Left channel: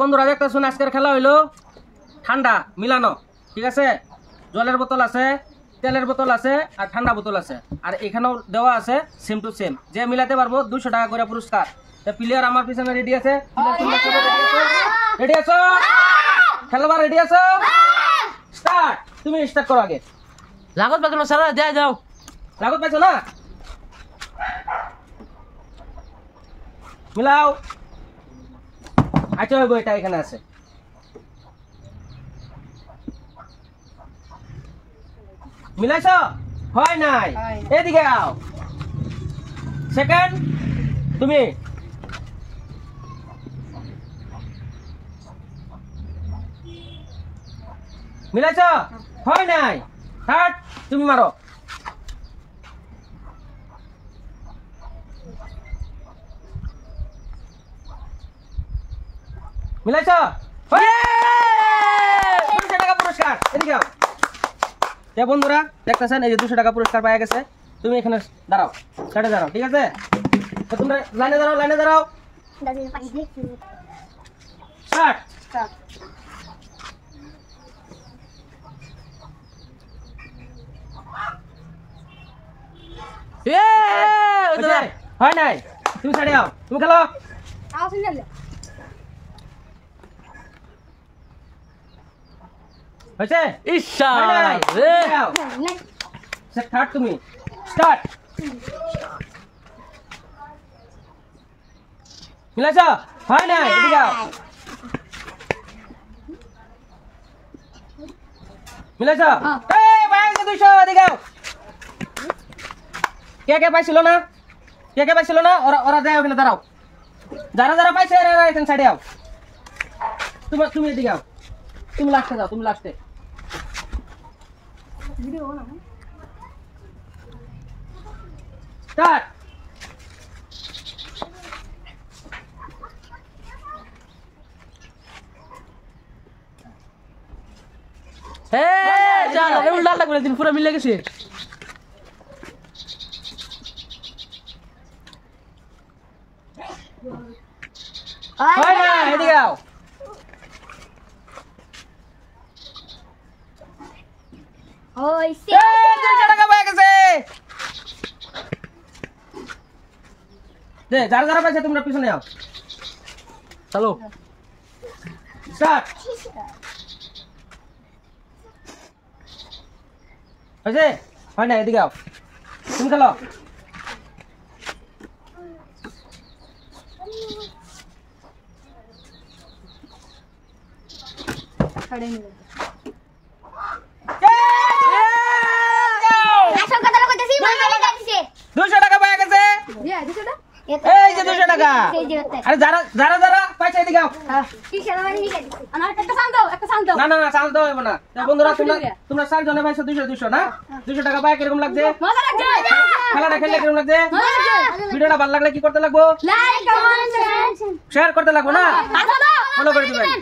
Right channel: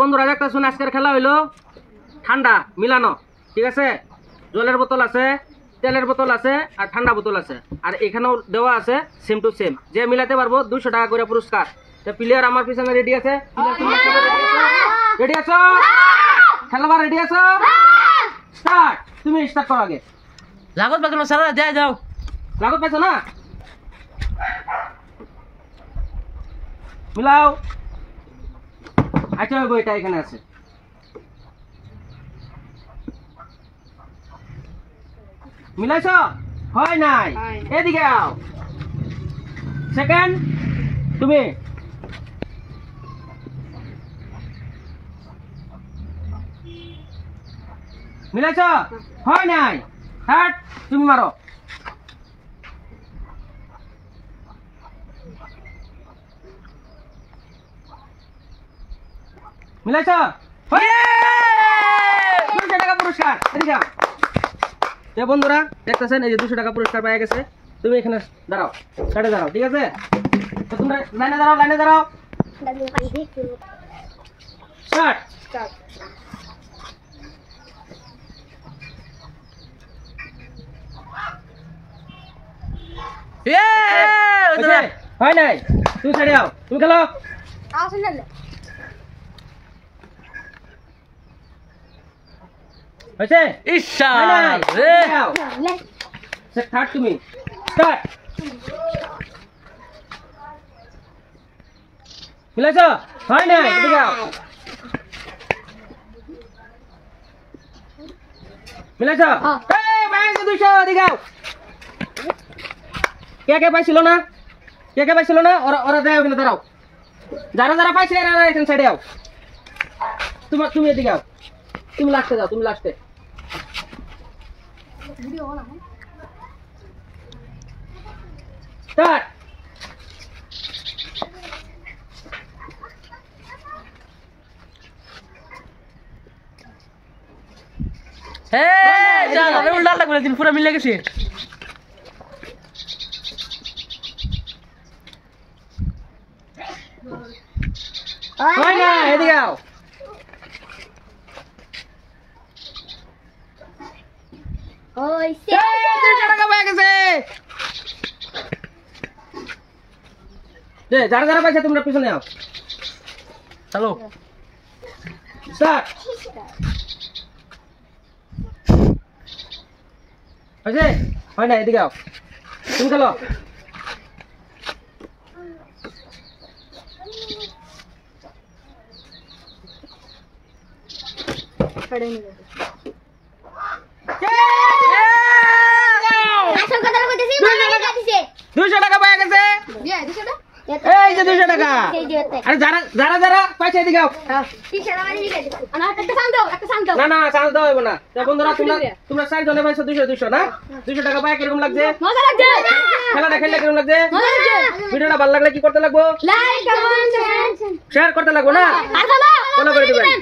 বন্ধুরা দেখতেছুন আজকের খেলা হইলো ঠান্ডা মিলানো, ঠিক আছে? জলের বোতল আছে, তেলের বোতল আছে আর ঠান্ডা বোতল আছে, আর এখানেও দেওয়া আছে সেম টু সেম। যে মিলাতে পারবো 200 টাকা করে পুরস্কার। তো প্লেয়ার আমার পিছনে রেডি আছে? রেডি আছো? খেলবার রেডি আছো? স্টার্ট। তুমি স্টার্ট করো আগে। লাগত বাগলো সারা যাই যাও। লাগত পাইছো না? মিলাও। আচ্ছা বইটা এখানে আছে। মিলাইছো? হয় নাই। এদিকে আও। সেকেন্ড তুমি। মিলাইছো? হয় নাই। থার্ড তুমি মারো। মিলাইছো? 200 টাকা পুরস্কার। এদিকে আও। বন্ধুরা দেখতেছেন এই যে 200 টাকা পুরস্কার পাওয়া গেছে। তুমি এখানে দাঁড়াও, সাইডে দাঁড়াও, ঠিক আছে? তোমরা লাইনে দাঁড়াও, লাইনে দাঁড়াও। স্টার্ট। হয় নাই। তুমি সাইডে আও, তুমি খেলো। হয়েছে? ইশা রে থার্ড তুমি। স্টার্ট। মিলাইছো? হয় নাই। এদিকে আও। মিলাইছো? এই পাইছো 200। এদিকে আও। কে পাইছিল না? কে পাইছিল না? ওরা যায় ওখানে দাঁড়াও। যারা যারা পাইছে এরা এখানে সাইডে আও। তুমি এদিকে আও। তুমি লাস্টে যাও, তুমি লাস্টে। স্টার্ট। চল আরে উল্টা লাগবে দিন পুরো মিলে গেছে। হয় না। এদিকে আও। হইছে। 200 টাকা পেয়ে গেছে। যারা যারা পাইছে তোমরা পিছনে আও। চলো স্টার্ট। হয়েছে? হয় না। এদিকে আও। তুমি খেলো। দুশো টাকা পাওয়া গেছে। এই যে 200 টাকা। আরে যারা যারা যারা পাইছে এদিকে আও। না না চান্স দেওয়া হবে না। তো বন্ধুরা তোমরা 4 জনে পাইছো 200 না? 200 টাকা পায় কিরকম লাগছে? খেলাটা খেললে কিরকম লাগছে? ভিডিওটা ভালো লাগলে কি করতে লাগবো? শেয়ার করতে লাগবো না? ফলো করে দিবেন।